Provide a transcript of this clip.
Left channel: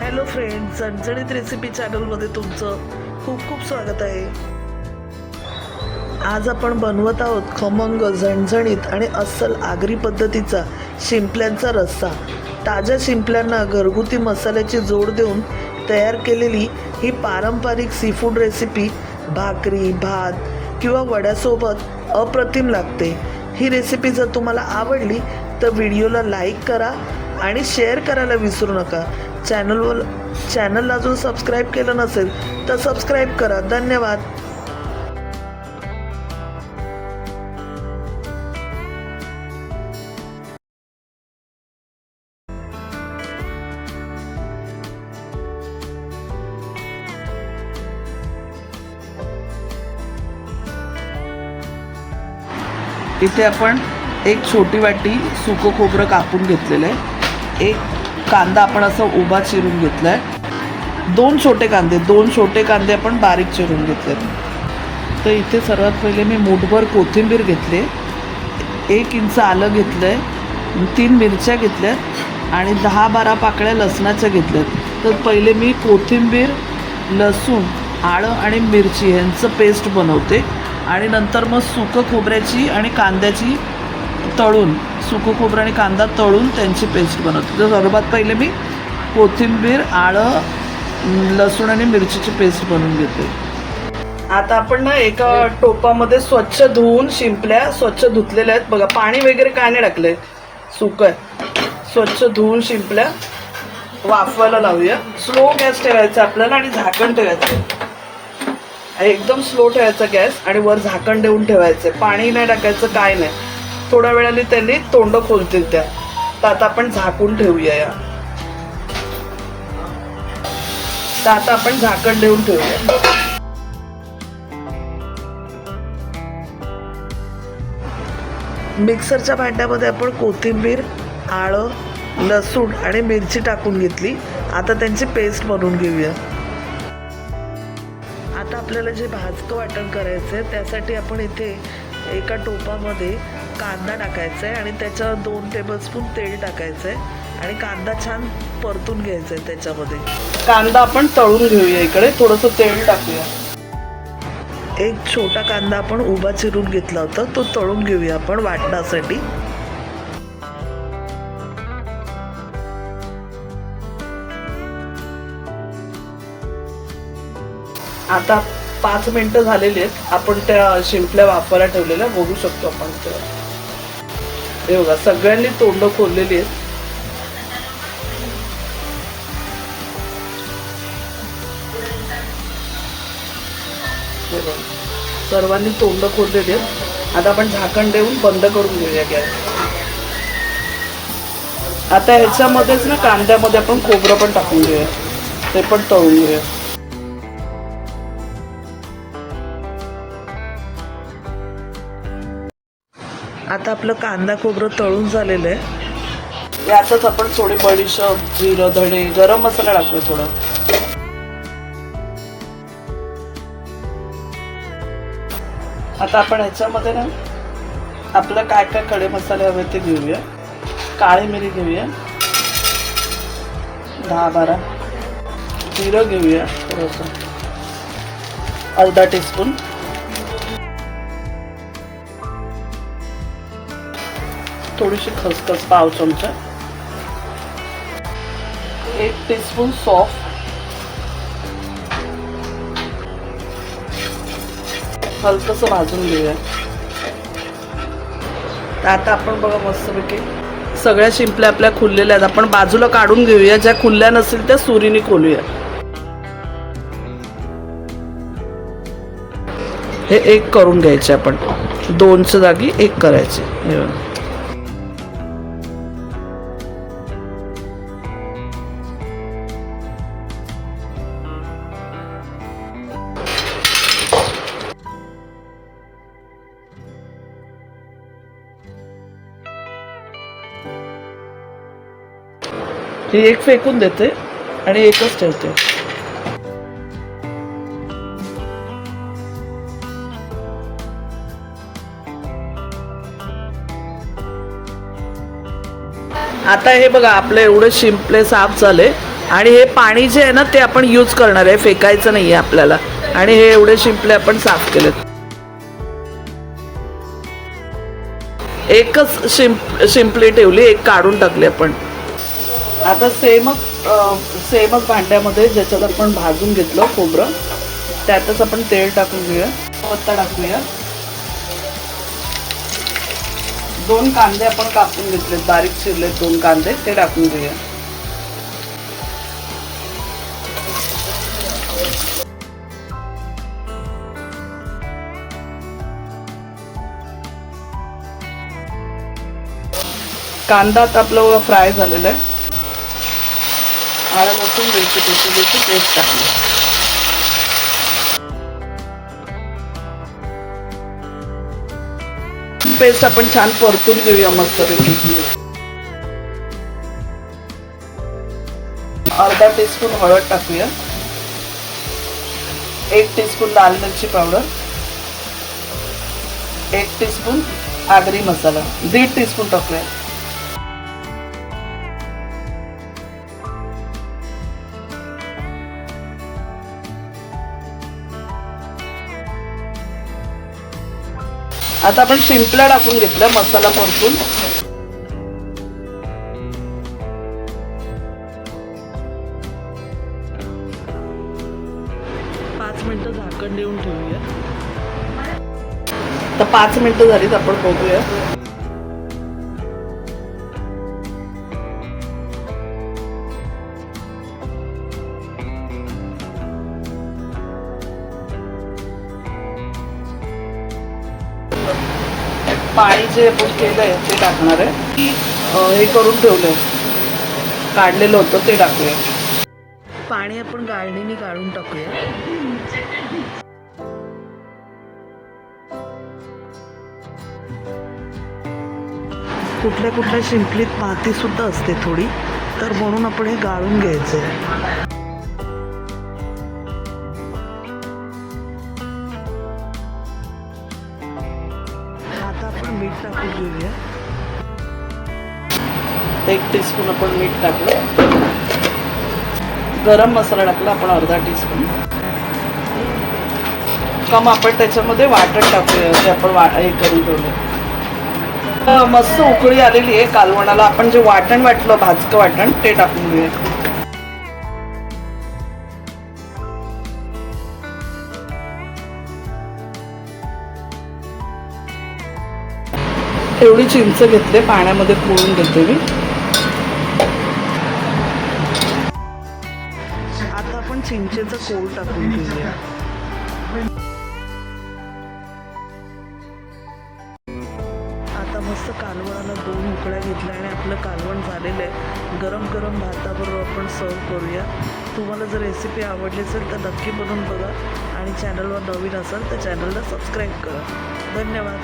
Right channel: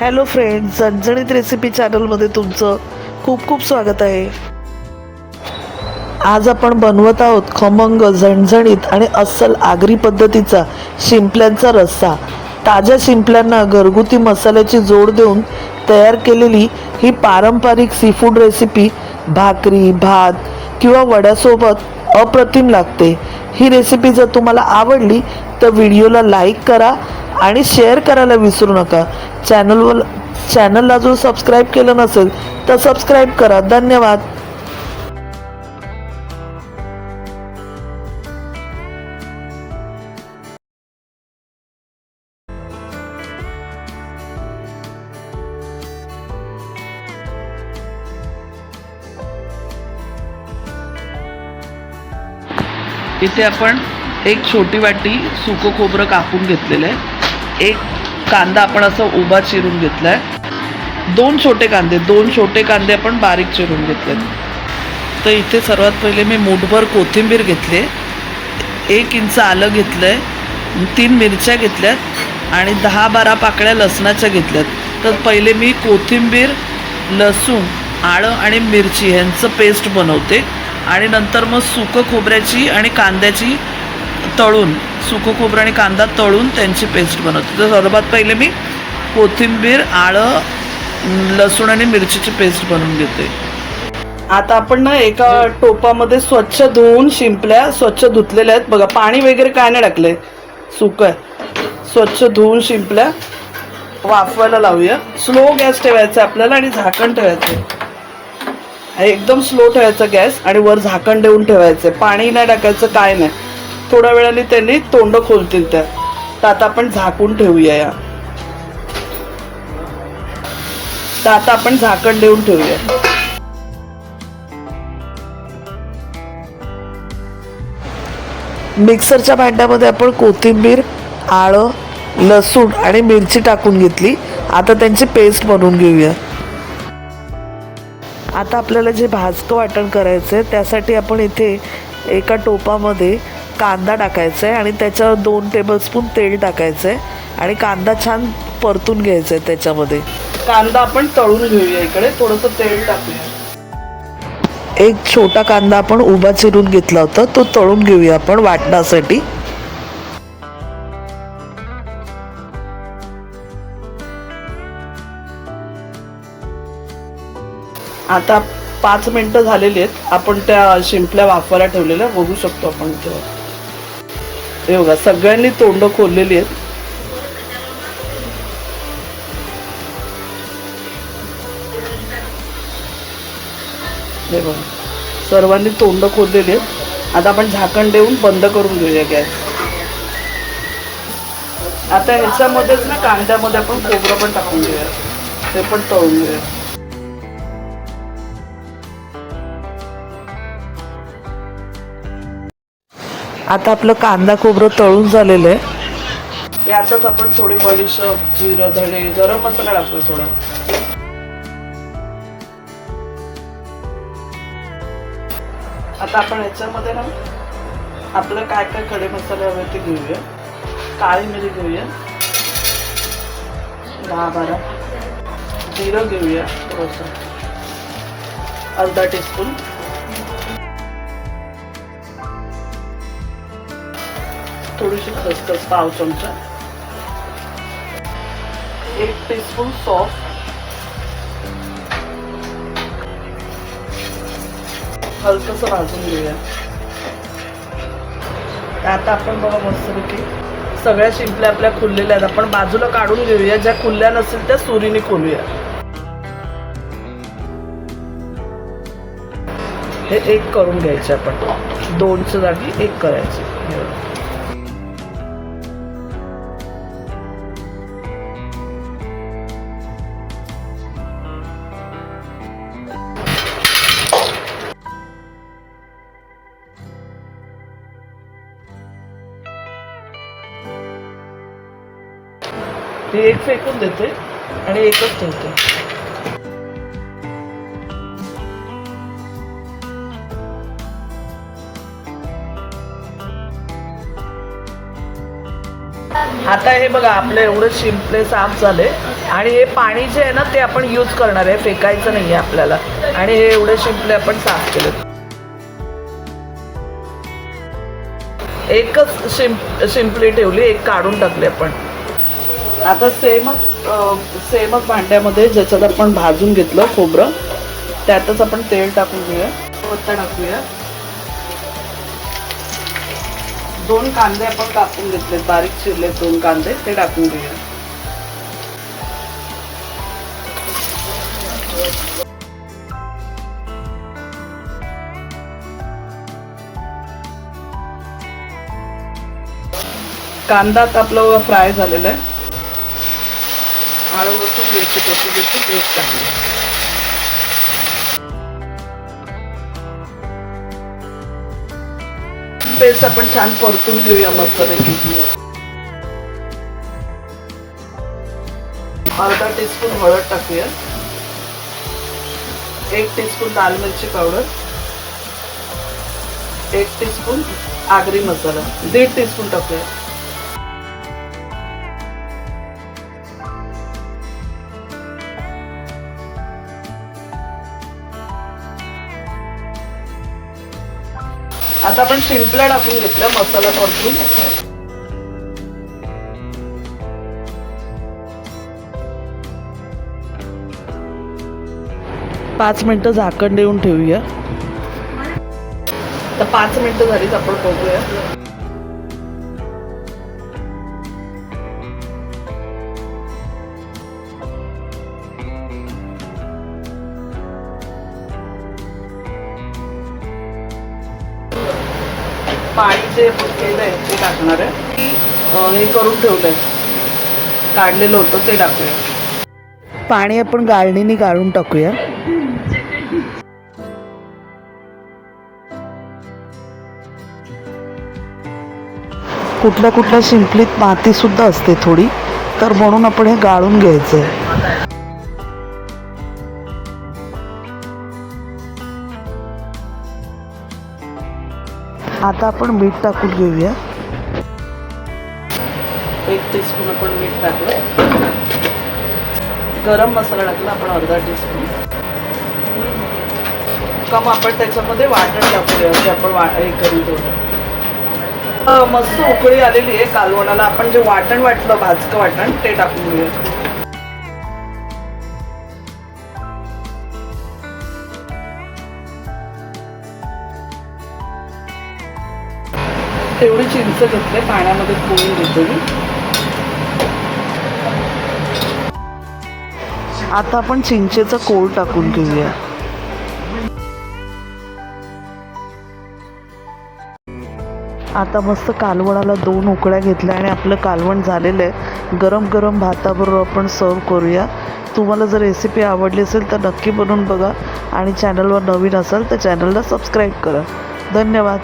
Hello friends, झणझणीत recipe चॅनलमध्ये तुमचं खूप खूप स्वागत आहे. आज आपण बनवत आहोत खमंग, झणझणीत आणि अस्सल आगरी पद्धतीचा शिंपल्यांचा रस्सा. ताज्या शिंपल्यांना घरगुती मसाल्याची जोड देऊन तयार केलेली ही पारंपरिक सीफूड रेसिपी भाकरी, भात किंवा वड्यासोबत अप्रतिम लागते. ही रेसिपी जर तुम्हाला आवडली तर व्हिडिओला लाईक करा आणि शेअर करायला विसरू नका. चॅनलला जो सबस्क्राईब केलं नसेल तर सबस्क्राईब करा. धन्यवाद. इथे आपण एक छोटी वाटी सुकं खोबरं कापून घेतलेलं आहे. एक कांदा आपण असं उभा चिरून घेतला आहे. दोन छोटे कांदे आपण बारीक चिरून घेतलेत. तर इथे सर्वात पहिले मी मूठभर कोथिंबीर घेतली, 1 इंच आलं घेतलं आहे, 3 मिरच्या घेतल्यात आणि 10-12 पाकळ्या लसणाच्या घेतल्यात. तर पहिले मी कोथिंबीर, लसूण, आलं आणि मिरची ह्यांचं पेस्ट बनवते आणि नंतर मग सुकं खोबऱ्याची आणि कांद्याची तळून, सुकं खोबरं आणि कांदा तळून त्यांची पेस्ट बनवते. तर सर्वात पहिले मी कोथिंबीर, आलं, लसूण आणि मिरचीची पेस्ट बनवून घेते. आता आपण ना एका टोपामध्ये स्वच्छ धुवून शिंपल्या स्वच्छ धुतलेल्या आहेत. बघा, पाणी वगैरे काय नाही टाकलंय, सुकं आहे. स्वच्छ धुवून शिंपल्या वाफवायला लावूया. स्लो गॅस ठेवायचा आपल्याला आणि झाकण ठेवायचं. एकदम स्लो ठेवायचा गॅस आणि वर झाकण देऊन ठेवायचं. पाणी नाही टाकायचं, काय नाही. थोड्या वेळाने त्यांनी तोंड खोलतील त्या. तर आता आपण झाकून ठेवूया. तर आता आपण झाकण देऊन ठेवूया. मिक्सरच्या भांड्यामध्ये आपण कोथिंबीर, आलं, लसूण आणि मिरची टाकून घेतली. आता त्यांची पेस्ट बनवून घेऊया. आता आपल्याला जे भाजकं वाटण करायचं आहे त्यासाठी आपण इथे एका टोपामध्ये कांदा टाकायचा आहे आणि त्याच्यावर 2 टेबलस्पून तेल टाकायचं आहे आणि कांदा छान परतून घ्यायचा आहे. त्याच्यामध्ये कांदा आपण तळून घेऊया. इकडे थोडंसं तेल टाकूया. एक छोटा कांदा आपण उभा चिरून घेतला होता, तो तळून घेऊया आपण वाटण्यासाठी. आता 5 मिनिटं झालेली आहेत. आपण त्या शिंपल्या वाफवायला ठेवलेल्या बघू शकतो आपण. हे बघा, सगळ्यांनी तोंड खोललेली आहेत. हे बघा, सर्वांनी तोंड खोललेली आहेत. आता आपण झाकण देऊन बंद करून घेऊया गॅस. आता ह्याच्यामध्येच ना कांद्यामध्ये आपण खोबरं पण टाकून घेऊया, ते पण तळून घेऊया. आता आपलं कांदा खोबरं तळून झालेलं आहे. यातच आपण थोडी बडीशेप, जिरं, धणे, गरम मसाला टाकतो थोडा. आता आपण ह्याच्यामध्ये ना आपलं काय काय खडे मसाले हवे ते घेऊया. काळी मिरी घेऊया 10-12, जिरं घेऊया थोडंसं, अर्धा टीस्पून, थोडीशी खसखस पाव चमचा, 1 टीस्पून सौंफ, हलकंसं भाजून घेऊया. आता आपण बघा मस्तपैकी सगळ्या शिंपल्या आपल्या खुललेल्या आहेत. आपण बाजूला काढून घेऊया. ज्या खुलल्या नसतील त्या सुरीने खोलूया. हे 1 करून घ्यायचे आपण, 2च्या जागी 1 करायचे. हे 1 फेकून देते आणि 1च ठेवते. आता हे बघा, आपले एवढे शिंपले साफ झाले. आणि हे पाणी जे आहे ना ते आपण यूज करणार आहे, फेकायचं नाही आहे आपल्याला. आणि हे एवढे शिंपले आपण साफ केलेत. एकच शिंपली ठेवली, एक काढून टाकली आपण. आता सेमच भांड्यामध्ये ज्याच्यात आपण भाजून घेतलं खोबरं, त्यातच आपण तेल टाकून घेऊया, पत्ता टाकूया. 2 कांदे आपण कापून घेतलेत, बारीक चिरलेत 2 कांदे, ते टाकून घेऊया. कांदा आता आपला फ्राय झालेला आहे. आलं लसूण मिरची कोथिंबीरची पेस्ट टाकली. पेस्ट आपण छान परतून घेऊया मस्तपैकी. अर्धा टीस्पून हळद टाकूया, 1 टीस्पून लाल मिरची पावडर, 1 टीस्पून आगरी मसाला, 1.5 टीस्पून टाकूया. आता आपण शिंपल्या टाकून घेतल्या मसाला परतून. पाच मिनिटं झाकण देऊन ठेवूया. तर 5 मिनिटं झालीत, आपण बघूया. पाणी जे आपण केलंय ते टाकणार आहे. हे करून ठेवलंय, काढलेलं होतं ते टाकूया. पाणी आपण गाळणीने गाळून टाकूया. कुठल्या शिंपलीत माती सुद्धा असते थोडी, तर म्हणून आपण हे गाळून घ्यायचंय. आता आपण मीठ टाकून घेऊया. 1 टीस्पून आपण मीठ टाकलं. गरम मसाला टाकला आपण अर्धा टीस्पून. मग आपण त्याच्यामध्ये वाटण टाकूया, जे आपण हे करून ठेवलं. मस्त उकळी आलेली आहे कालवणाला. आपण जे वाटण वाटलं, भाजकं वाटण, ते टाकून घेऊया. एवढी चिंच घेतले, पाण्यामध्ये पिळून घेते मी. आता आपण चिंचेचा कोळ टाकून घेऊया. आता मस्त कालवणाला 2 उकळ्या घेतल्या आणि आपलं कालवण झालेलं आहे. गरम गरम भाताबरोबर आपण सर्व करूया. तुम्हाला जर रेसिपी आवडली असेल तर नक्की बनवून बघा आणि चॅनलवर नवीन असाल तर चॅनलला सबस्क्राईब करा. धन्यवाद.